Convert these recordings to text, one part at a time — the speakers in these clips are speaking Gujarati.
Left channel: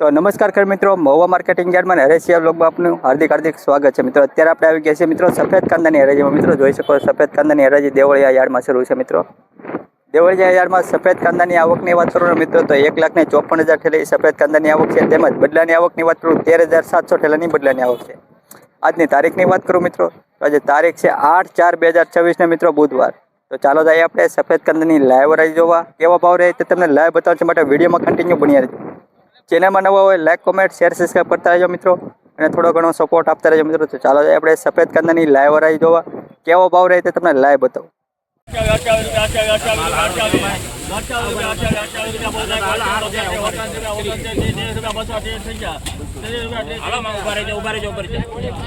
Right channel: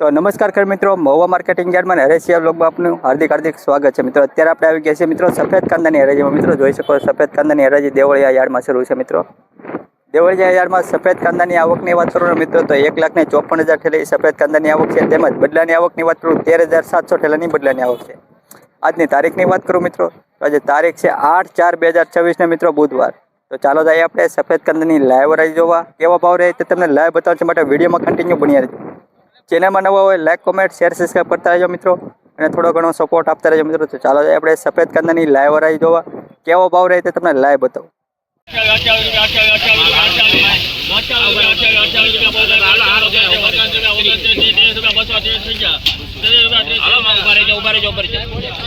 तो नमस्कार कर मित्रों, महुआ मार्केटिंग यार्ड में हरेशिया ब्लॉग में आपનું हार्दिक स्वागत है। मित्रों અત્યારે આપણે આવી ગયા છે मित्रों सफेद कांदाની હરાજીમાં। મિત્રો જોઈ શકો સફેદ કાંદાની હરાજી દેવળિયા યાર્ડમાં શરૂ છે। મિત્રો દેવળિયા યાર્ડમાં સફેદ કાંદાની આવકની વાત કરું મિત્રો તો 1,54,000 ઠેલાની સફેદ કાંદાની આવક છે। તેમજ બદલાની આવકની વાત કરું 13,700 ઠેલાની બદલાની આવક છે। આજની તારીખની વાત કરું મિત્રો તો આજે તારીખ છે 8/4/2024 ને મિત્રો બુધવાર। તો ચાલો જઈએ આપણે સફેદ કાંદાની લાઈવ હરાજી જોવા। કેવા ભાવ રહે તે તમને લાઈવ બતાવવા માટે વિડીયોમાં કન્ટિન્યુ બન્યા રહેજો। चैनल में नवा हो लाइक कमेंट शेर सब्सक्राइब करता रहो मित्रों और थोड़ो घणो सपोर्ट आपता रहो मित्रों। तो चलो આપણે सफेद कांदानी लाइव हराजी જોવા કેવો ભાવ રહે તે તમને લાઈવ બતાવું।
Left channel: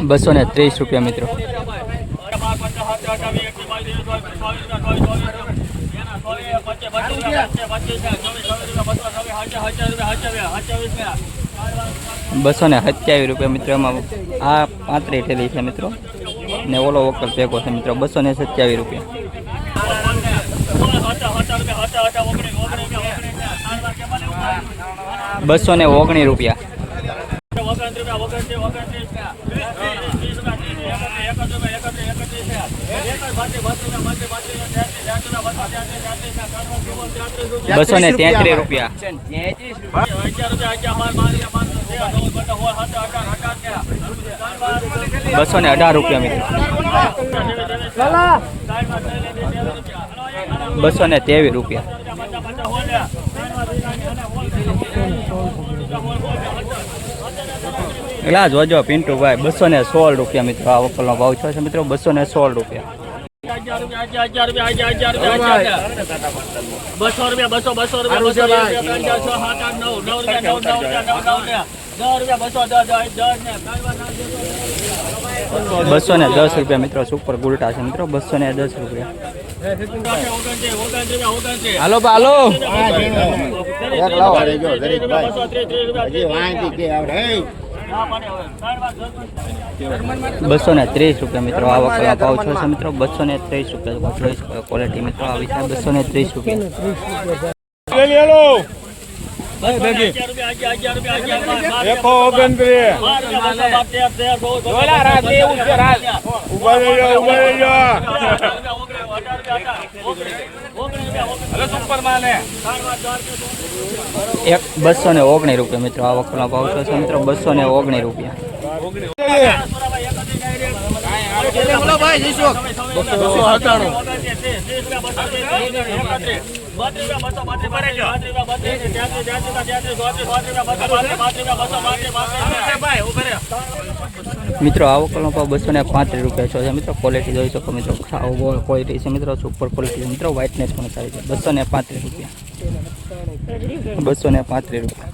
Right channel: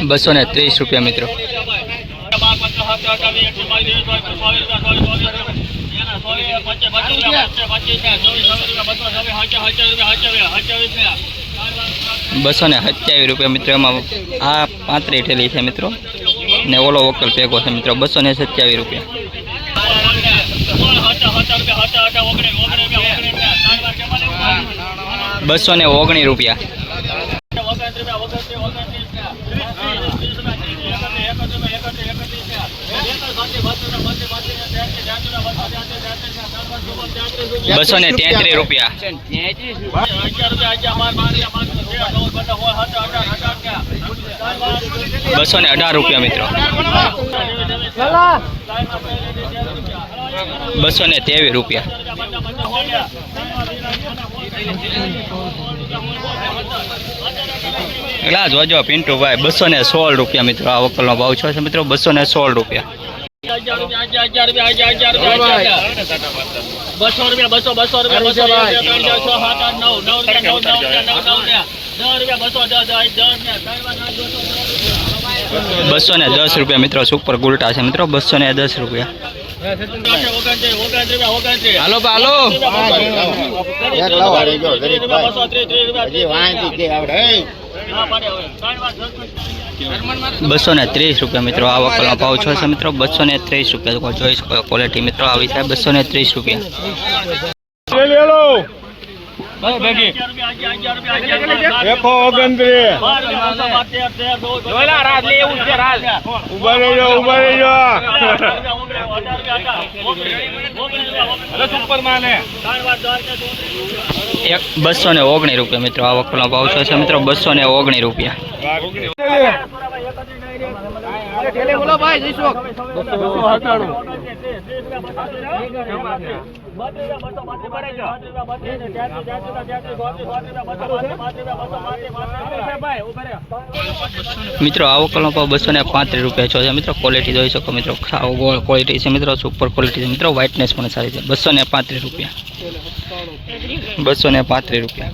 ₹230 मित्रों। ₹227 मित्रों। आ 35 ठेली है मित्रों ने ओलो वोकल पेगो है मित्रों। ₹227। ₹219। ₹233। ₹218 मित्रों। ₹223। एला जोजो पिंटू भाई ₹216 मित्रों। आ वकलनो भाव छे मित्रों ₹216। ₹210 मित्रों। सुपर गुलटा है मित्रों। ₹210। हालो हालो ₹230 मित्रों। आ वकलनो भाव छे मित्रों ₹230। જોઈ શકો ક્વોલિટી મિત્રો આવી છે ₹230। ₹219 मित्रों। आ वकलनो भाव छे मित्रों ₹219। मित्रों आ वकलनो भाव ₹235 है मित्रों। क्वॉलिटी જોઈ શકો मित्रों। खाव गोल क्वॉलिटी है मित्रों। सुपर क्वॉलिटी है मित्रों। व्हाइटनेस पण सारी है। ₹235। ₹235।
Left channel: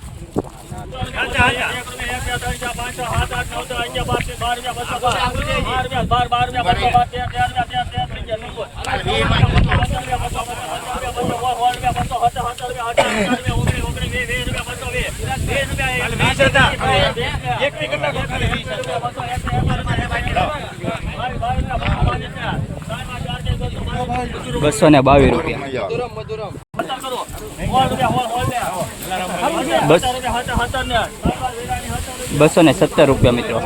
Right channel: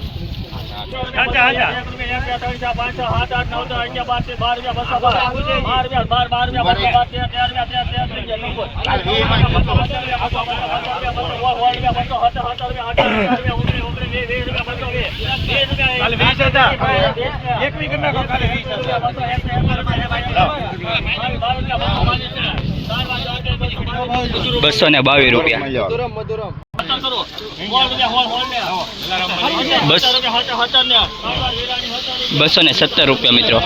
₹217 मित्रों।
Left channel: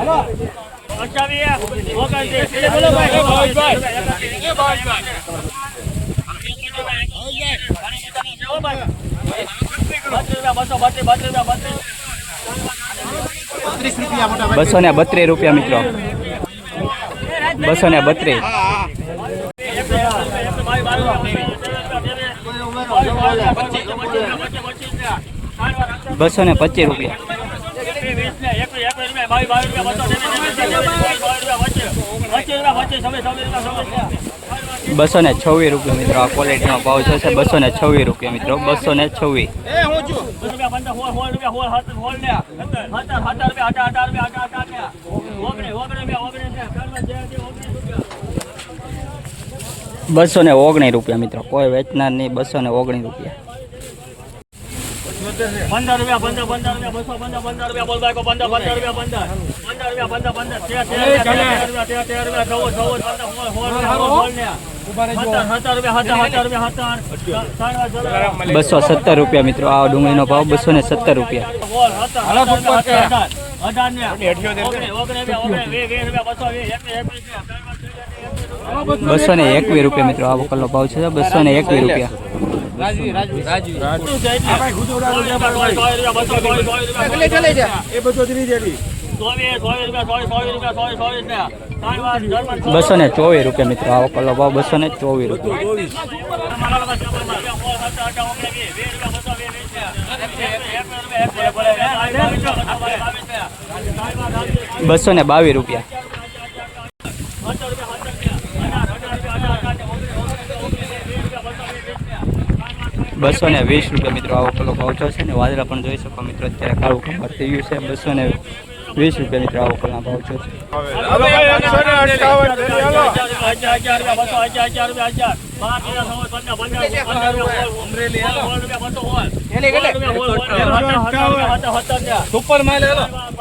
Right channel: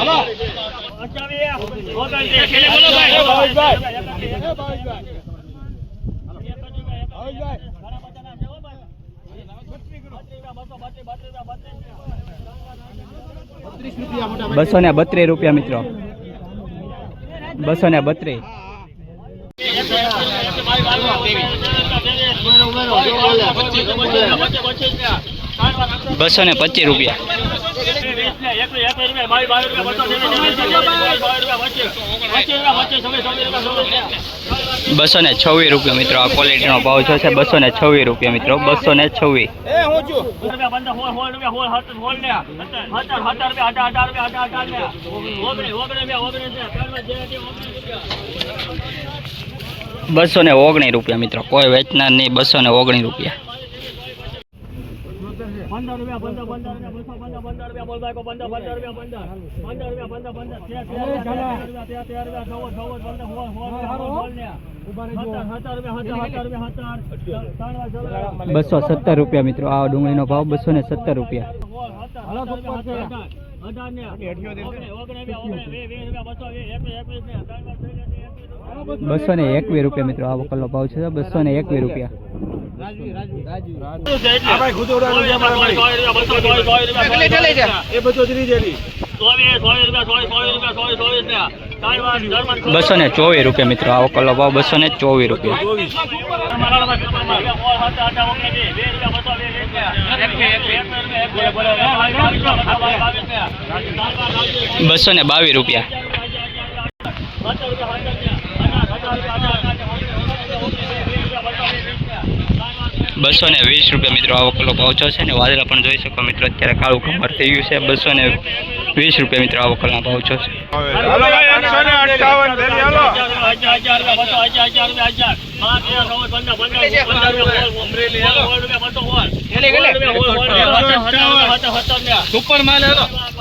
₹232 मित्रों। 232। ₹225। ₹226 मित्रों। आ क्वॉलिटी नो भाव छे ₹226 मित्रों। 226। ₹219 मित्रों। कोई वेचनार नहीं। ₹219। રૂપિયા 15 રૂપિયા 215 રૂપિયા બોલ બાઈકો 15 રૂપિયા 15 રૂપિયા 15 217 રૂપિયા મિત્રો આ ડુંગળીનો ભાવ 217 રૂપિયા 221 રૂપિયા મિત્રો આ વકલનો ભાવ છે 221 રૂપિયા બસો ને 24 રૂપિયા મિત્રો આ વકલનો ભાવ 224 રૂપિયા 222 રૂપિયા 220 રૂપિયા મિત્રો આ વકલો ભાવ છે ને વાદળા પણ જોઈ શકો મિત્રો અત્યારે કાળું કમર થઈ ગયું છે 220 રૂપિયા મિત્રો આ વકલના ભાવ છે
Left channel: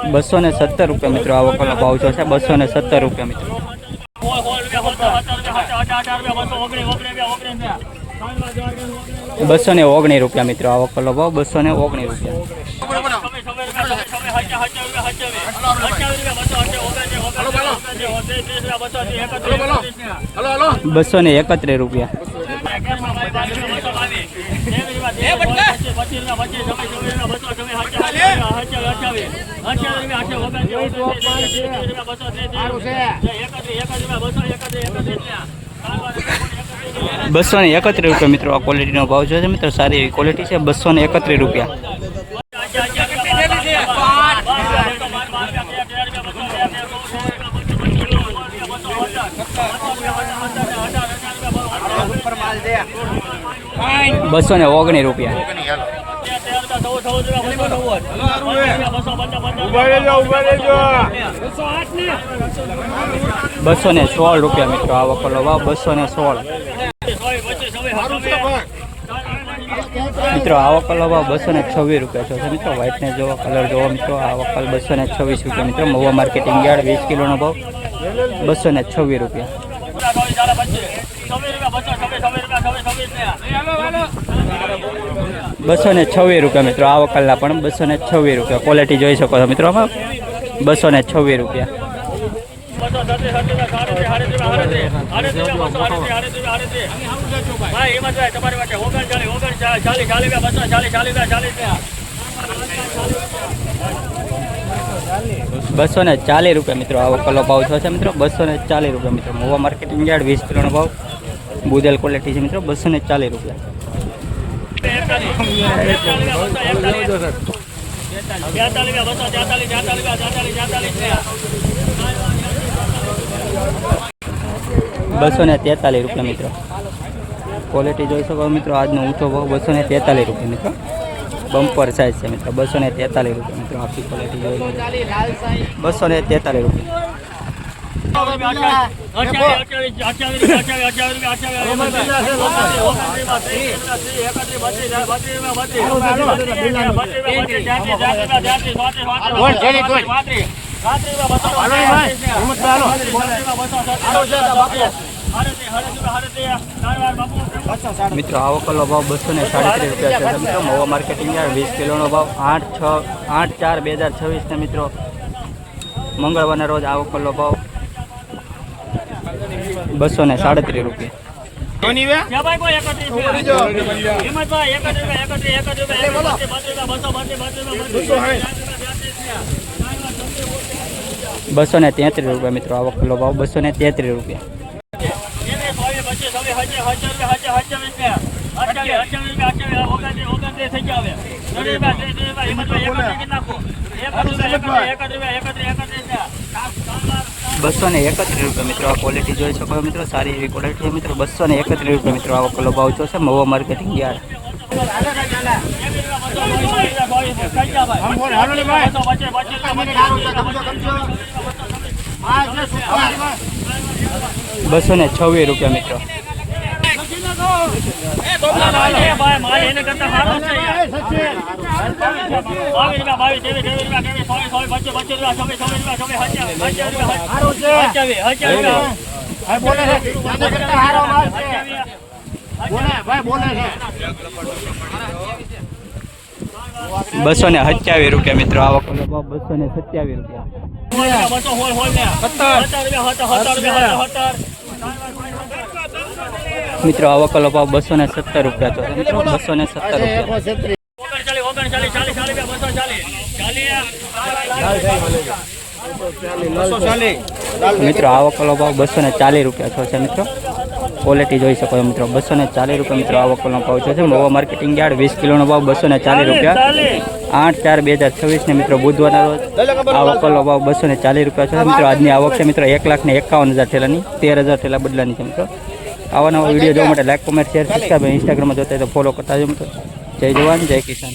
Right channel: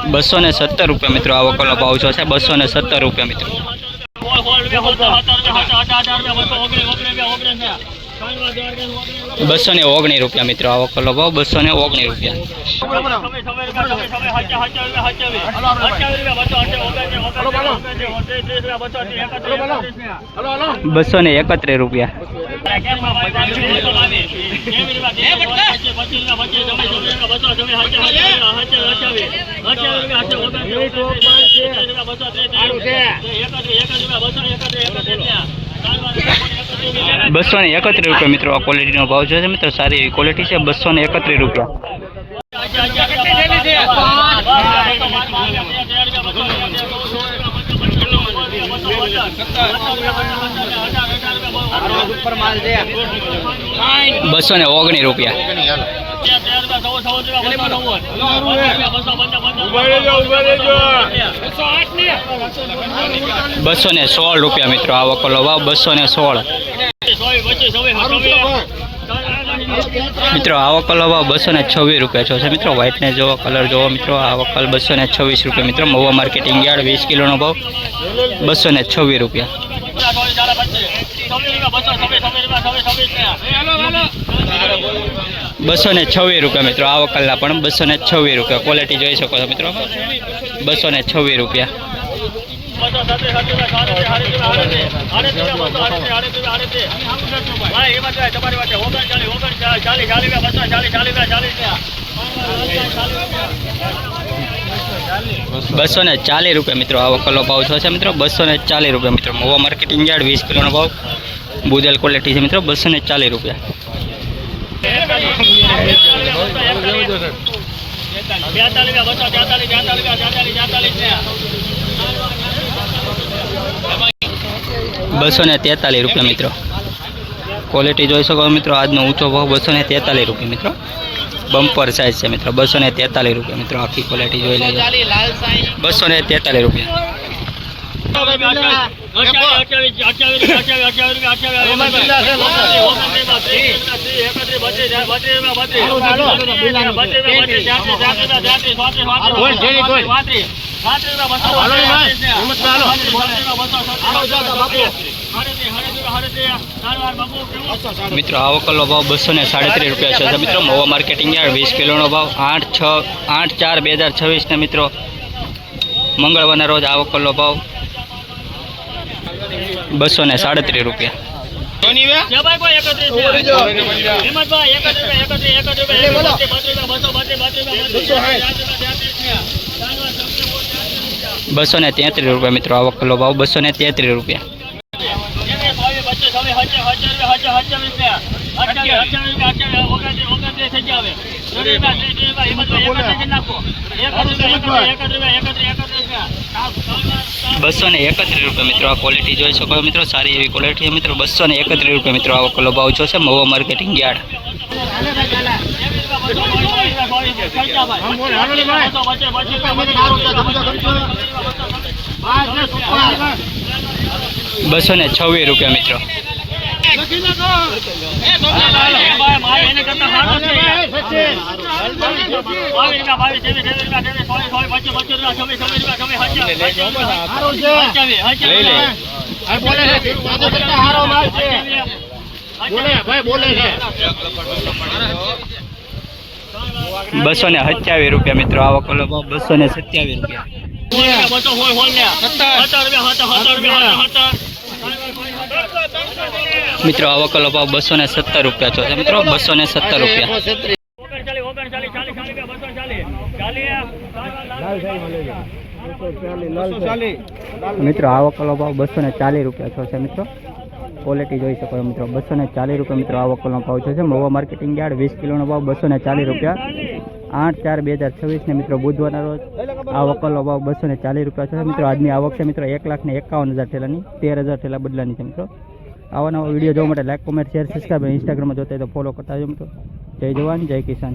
₹217 રૂપિયા મિત્રો આ વકલનો ભાવ છે 217 રૂપિયા મિત્રો 219 રૂપિયા મિત્રો આ વકલનો ભાવ 219 રૂપિયા 231 રૂપિયા 231 રૂપિયા મિત્રો આ ક્વોલિટીનો ભાવ છે મિત્રો સારી એવી ક્વોલિટી છે 231 રૂપિયા ₹219 રૂપિયા 216 રૂપિયા મિત્રો આ વકલો ભાવ 216 મિત્રો આ વકલ ભાવ 226 રૂપિયા છે મિત્રો વ્હાઈટ ને જોવો કલર જોવો મિત્રો આ વકલ 226 રૂપિયા મિત્રો મહુવા માર્કેટિંગ યાર્ડ 20 કિલોનો ભાવ 226 રૂપિયા 226 રૂપિયા મિત્રો આ વકલના પણ 226 રૂપિયા ક્વોલિટી જોઈ શકો છો મિત્રો 226 રૂપિયા ₹240 રૂપિયા મિત્રો આ વકલો ભાવ છે મિત્રો 240 રૂપિયા મિત્રો મહુવા માર્કેટિંગ યાર્ડ 20 કિલોનો ભાવ બુદેલ ક્વોલિટી છે મિત્રો 240 રૂપિયા ₹243 રૂપિયા મિત્રો ક્વોલિટી જોઈ શકો મિત્રો આજનો ઊંચો ભાવ 243 રૂપિયા મિત્રો બમ્પર સાઇઝ છે મિત્રો 243 રૂપિયા મિત્રો આખી ક્વોલિટી જોઈ લેજો 243 રૂપિયા મિત્રો આ વકલનો ભાવ 237 રૂપિયા છે મિત્રો મહુવા માર્કેટિંગ યાર્ડ 20 કિલોનો ભાવ 8/4/2026 ને મિત્રો મંગળવારના રોજ આ વકલનો ભાવ 237 રૂપિયા ₹233 મિત્રો આ વકલનો ભાવ 233 રૂપિયા ₹231 મિત્રો આ ક્વોલિટી જોઈ શકો મિત્રો સારી એવી ક્વોલિટી છે મિત્રો 231 રૂપિયા મિત્રો આ વકલનો ભાવ છે મહુવા માર્કેટિંગ યાર્ડ ₹226 રૂપિયા મિત્રો ભાઈ મારે એને કરતા સારો છે યાર. 22 રૂપિયા 23 રૂપિયા 25 રૂપિયા 227 રૂપિયા મિત્રો આ વકોલો ભાવ 227 રૂપિયા. મિત્રો આ વકોલો ભાવ 217 રૂપિયા છે મિત્રો 217 રૂપિયા. મિત્રો આ વકોલો ભાવ 240 રૂપિયા છે મિત્રો. ક્વોલિટી જોઈ શકો છો મિત્રો 240 રૂપિયા મિત્રો આ વકોલનો ભાવ છે. મહુવા માર્કેટિંગ યાર્ડ 20 કિલોનો ભાવ 240 રૂપિયા. 8/4/2026 ને મિત્રો બુધવારના રોજ આ વકોલનો ભાવ 240 રૂપિયા છે મિત્રો. આજની આવક છે મિત્રો 1,51,000 ઠેલાની, 13,000 ઠેલા બદલાની છે મિત્રો. આવા નવા વિડીયો જોવા માટે લાઈક, કોમેન્ટ, શેર, સબસ્ક્રાઈબ, ઇન્સ્ટાગ્રામમાં જોતા હોય તો ફોલો કરતા જો મિત્રો. જય જવાન જય કિસાન.